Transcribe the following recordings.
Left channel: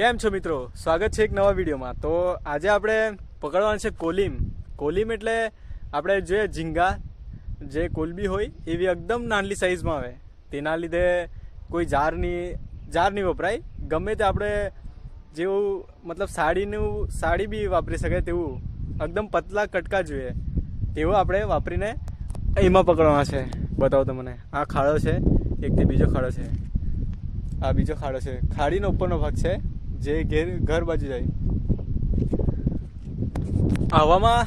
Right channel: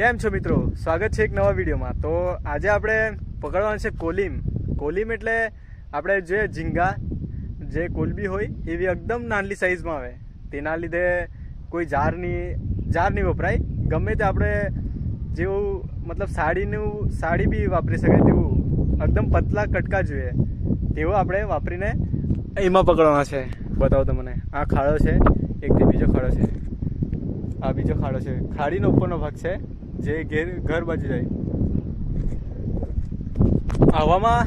કેમ છો મિત્રો, સ્વાગત છે એક નવા વિડીયોમાં। તો આજે આપણે પકડવાનું છે કોલીમ। કોલીમ એટલે આપણે જે ઝીંગા જે કોલબી હોય એવી એકદમ નાની સાઈઝમાં આવે। તેના લીધે કોઈ જાર નહીં વપરાય, ગમે તે આપણે જેવું મતલબ સાડી બી વાપરી શકાય તેવું એકદમ પતલા કટકા જોઈએ તેવું આપણે વાપરીને એમાં પકડવાના છે। બતાવો તમને, આ ખાડો છે, એકથી બીજો ખાડો છે, આ બીજો ખાડો છે, ખાડીનો ઉપરનો ભાગ છે જે ઘર બાજુ જાય। હવામાં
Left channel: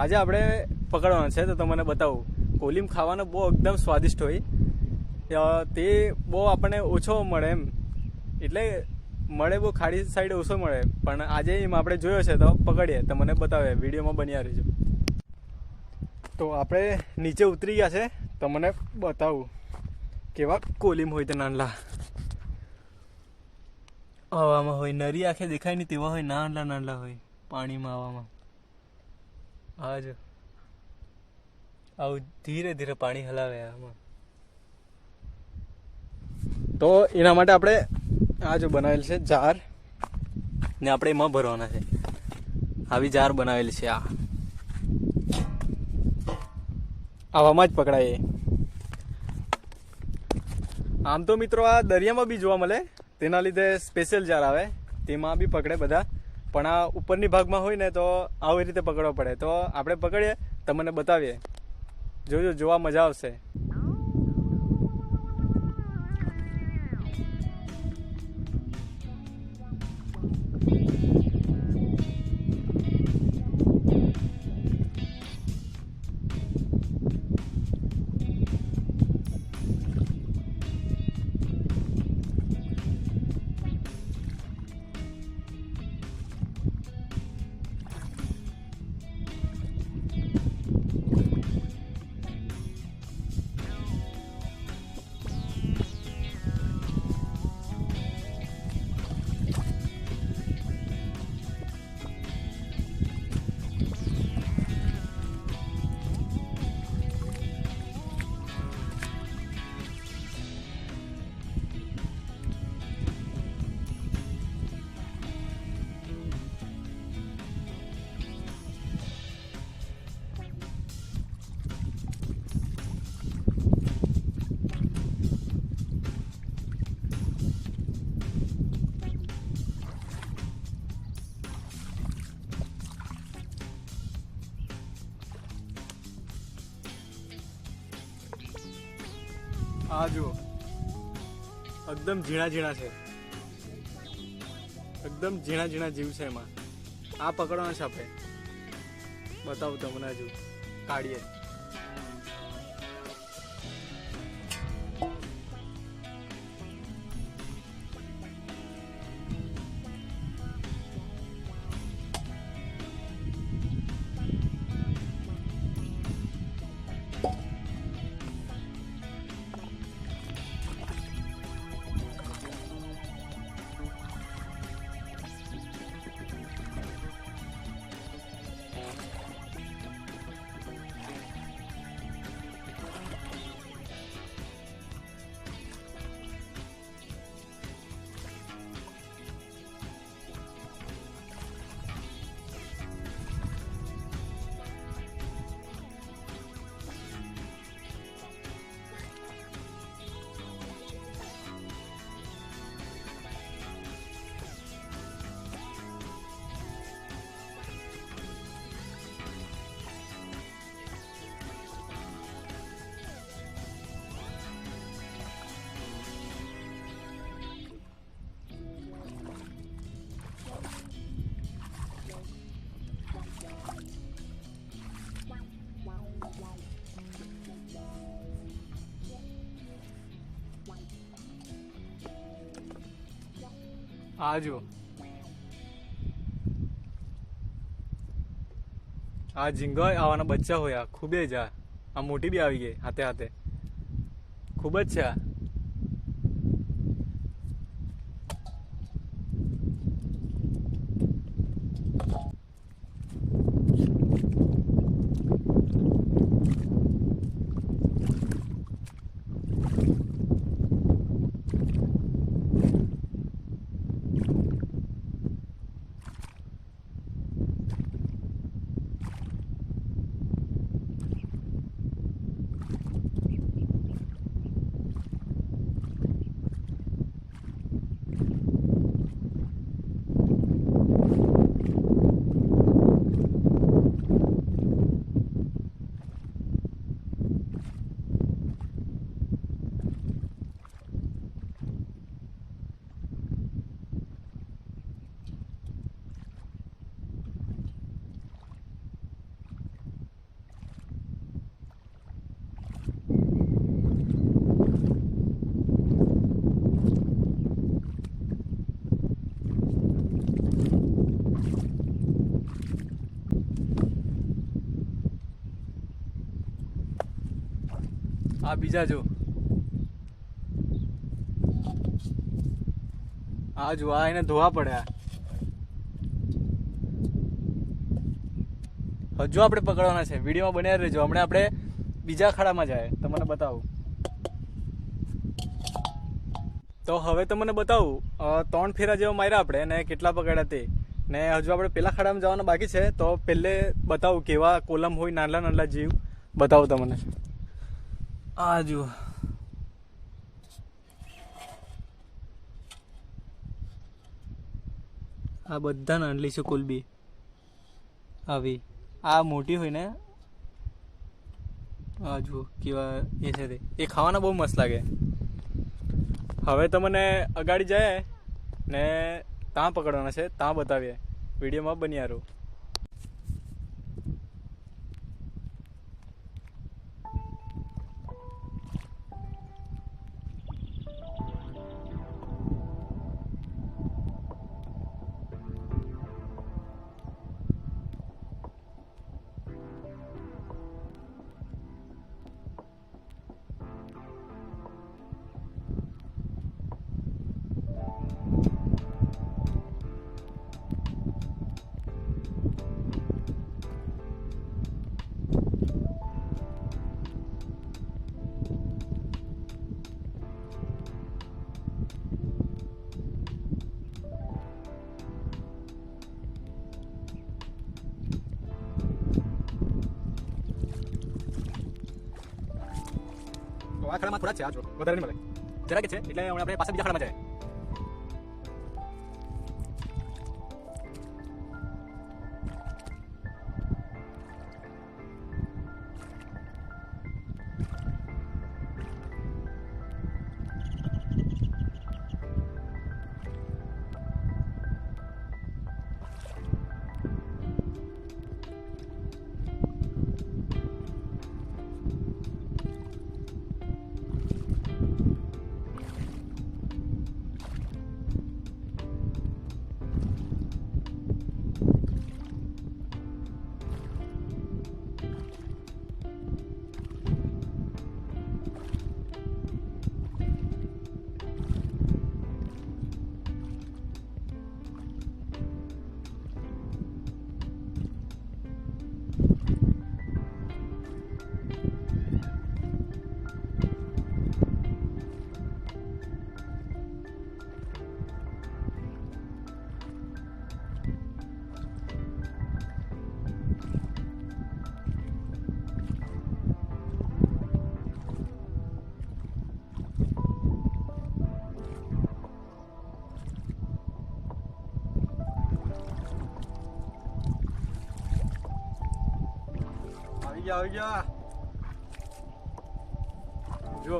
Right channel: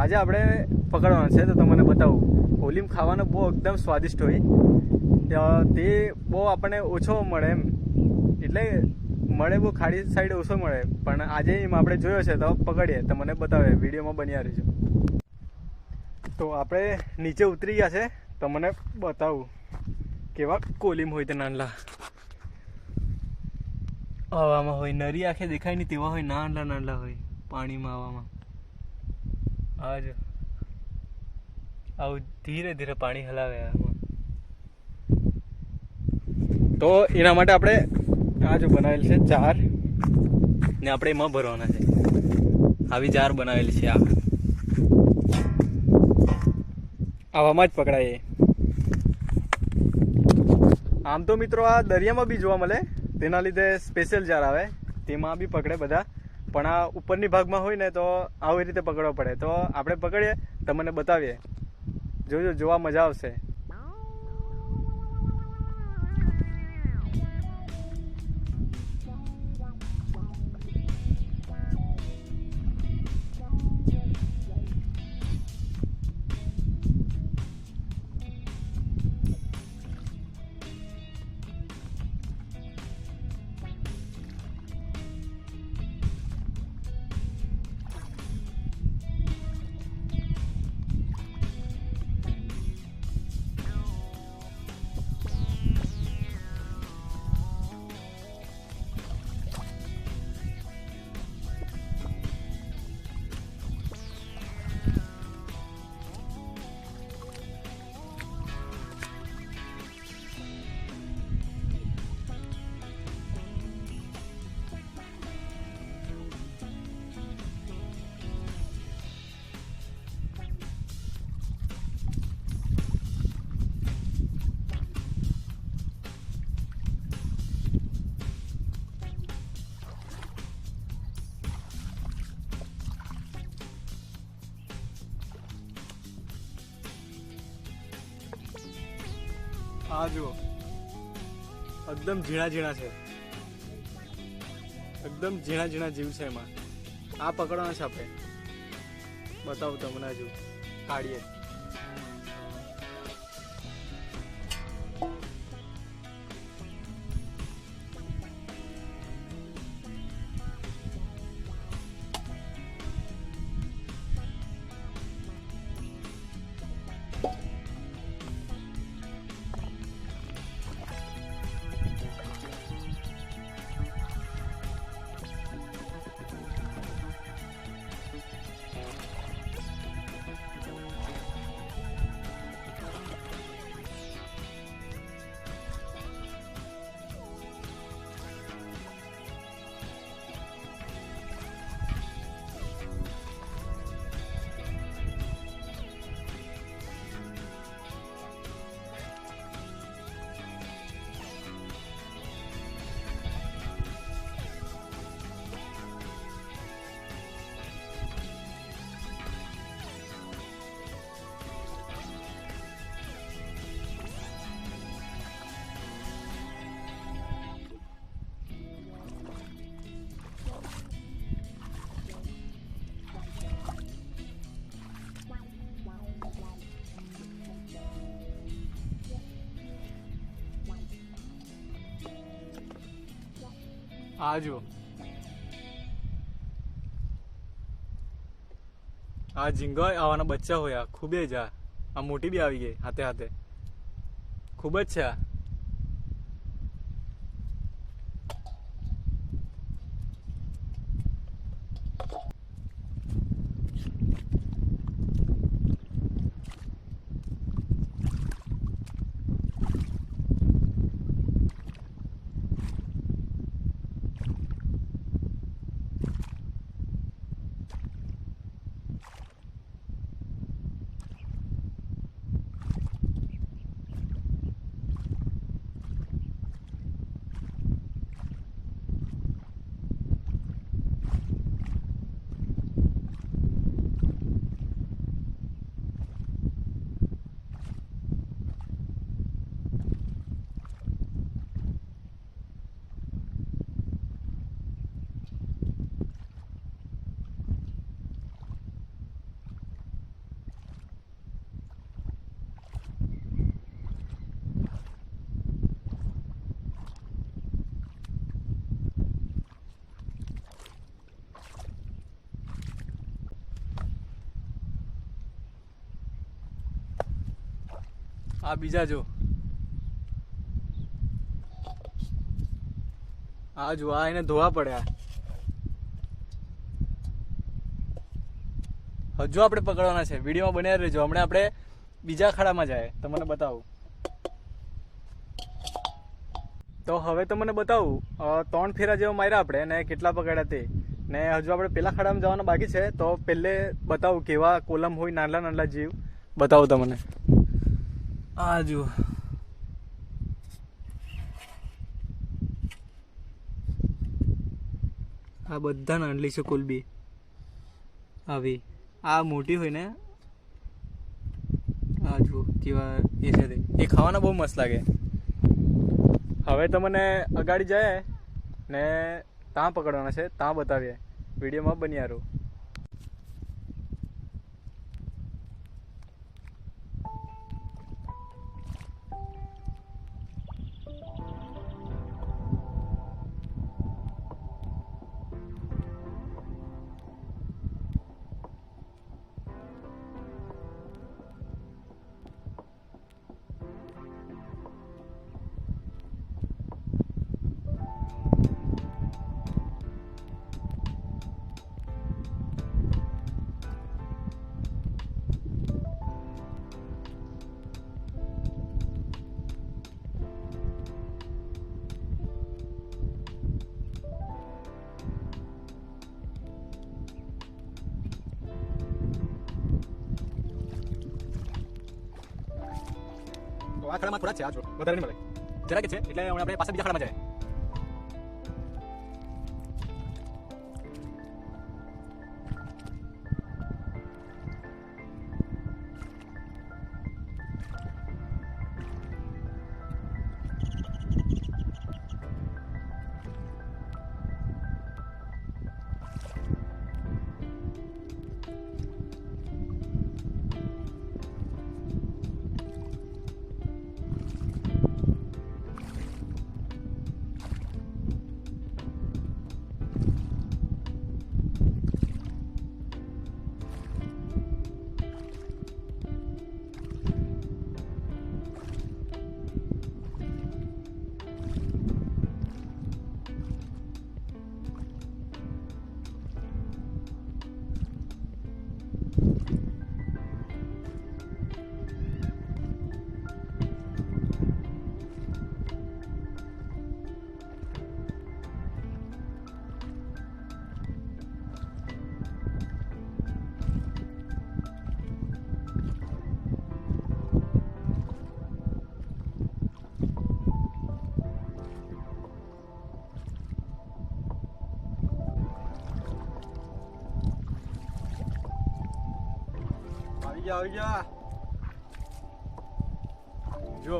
આજે આપણે પકડવાના છે તો તમને બતાવું। કોલીમ ખાવાનો બહુ એકદમ સ્વાદિષ્ટ હોય, તે બહુ આપણને ઓછો મળે એમ, એટલે મળે બહુ ખાડી સાઈડ ઓછો મળે, પણ આજે એમ આપણે જોયો છે તો પકડીએ, તમને બતાવે, વિડીયોમાં બન્યા રહેજો। તો આપણે નીચે ઉતરી ગયા છે, તમને બતાવું કેવા કોલીમ હોય તે નાનલા હવામાં હોય, નરી આંખે દેખાય નહીં તેવા હોય, નાનલા હોય પાણીમાં હવામાં। હા જો આવું ધીરે ધીરે પાણી હલાવે આમાં। તો એના માટે આપણે આ જો બનાવેલ છે જાર ને આપણે એમાં ભરવાના છે। આવી જાર બનાવેલી છે, આવામાં જ પકડાય। આમ તો મિત્રો આ દરિયામાં બી જોવા મળે, તેના લીધે સ્પેશિયલ જાર આવે, તેમાં બી પકડે બધા, પણ આ ઉપરની ભાગમાં હોય ને તો આવી રીતે પકડવા પડે। તો આપણે પકડીએ, તમને બતાવીએ, જોજો, જોવા મજા આવશે। આ જુઓ, એકદમ ઝીણા છે, એકદમ ઝીણા જીવ છે એમાં। આ પકડવાના છે આપણે, બતાવું તમને, હજુ કાઢીએ। આ જો, આ ઝીંગા આવાના બચ્ચા હોય, આ ખૂબ જ, આ મોટી બી આવી ગઈ હાથે હાથે, ખૂબ જ છે આ। આ બીજા જો, આ જો, આ એને ધોવા પડ્યા. હજુ આપણે પકડવાના છે. વિડીયોમાં બન્યા રહેજો. હમણાં આપણે બીજા ખાડામાં જાય, તમને બતાવું. તો હવે તો મને બતાવું 3 ફેરા જેવા માર્યા આપણે ને કેટલા પકડ્યા તે. ને હજુ આપણે પેલા ખાડામાં જવાના બાકી છે. તો પહેલે બતાવું કેવા કોલમ હોય, નાના નાના જીવ બતાવું તમને. આ જુઓ, આ બધા નાનલી છે કોલબી આવી. આ મોટી હોય ને, આ જુઓ કેવા એ છે તે. એ ખાવાના બહુ મસ્ત લાગે. હવે તમને અગાડી જાય ને ત્યાં પકડવાના છે, ત્યાં બતાવીએ. વિડીયોમાં બન્યા રહો. તો આ ખાડામાં થોડા છે, આ જો વધારે નહીં મળે, જરા કે છે. એટલે હવે આપણે પાછા બીજા ખાડામાં જાય. આવી જા જો.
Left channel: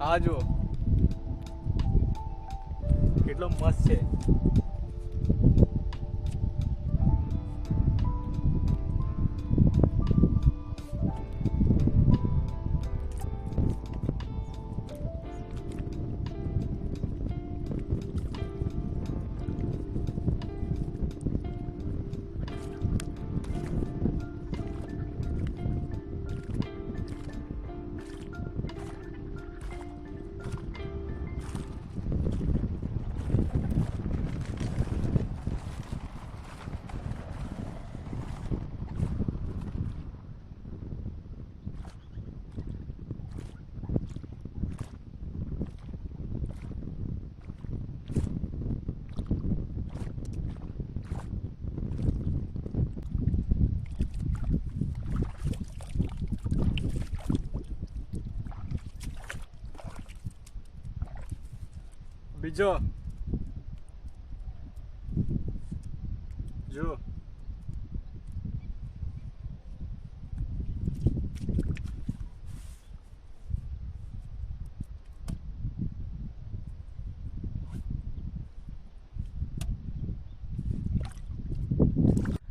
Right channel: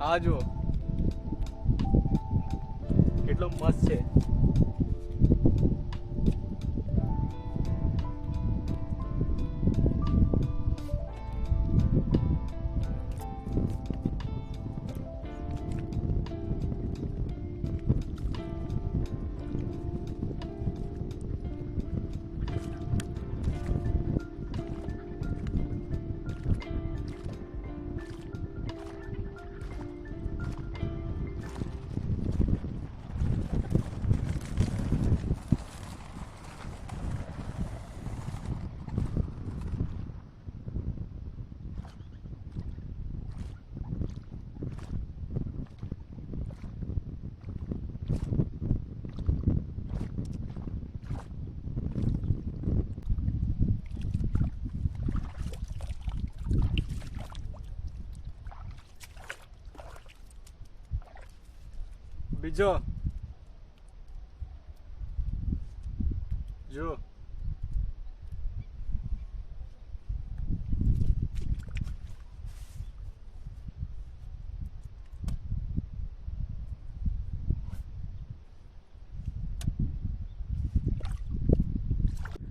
આ જો કેટલો મસ્ત છે. બીજો જો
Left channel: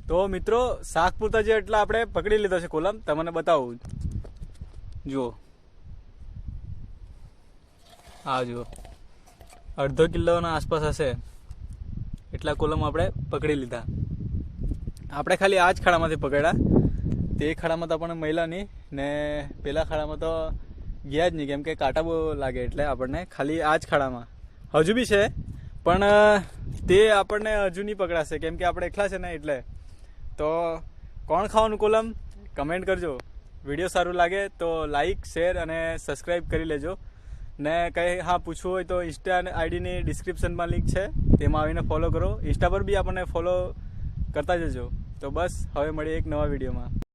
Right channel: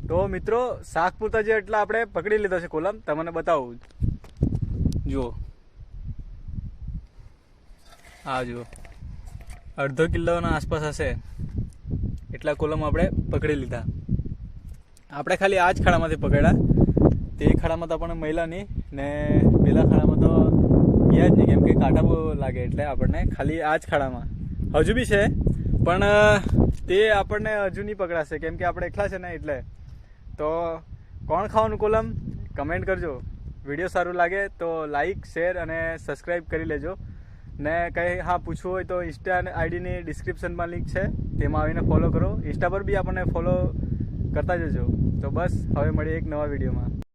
તો મિત્રો શાક પૂરતા જે એટલા આપણે પકડી લીધો છે કોલમ, તમને બતાવું. જુઓ આ જુઓ 1/2 કિલોના આસપાસ હશે એટલા કોલમ આપણે પકડી લીધા. આપણે ખાલી આ જ ખાડામાંથી પકડ્યા. તે ખાડામાં તો આપણને મળ્યા નહીં ને પેલા ખાડામાં તો ગયા જ નહીં, કેમ કે કાંટા બહુ લાગે એટલે આપણને ખાલી આ જ ખાડામાં હજુ બી છે, પણ તે આપણને હજુ નહીં પકડાશે કેમ કે આપણે એકલા છે ને એટલે. તો કોણ ખાવાનું કોલમ કમેન્ટ કરજો. વિડીયો સારું લાગે તો લાઈક શેર અને સબસ્ક્રાઈબ કરી લેજો ને કંઈ પૂછવું હોય તો ઇન્સ્ટા આઈડીની ડિસ્ક્રિપ્શનમાં લિંક છે, તેમાં આવીને ફોલો કરો. ઇન્સ્ટા પર બી આપણને ફોલો કરતા જજો. તો બસ હવે મળીએ એક નવા વિડીયોમાં.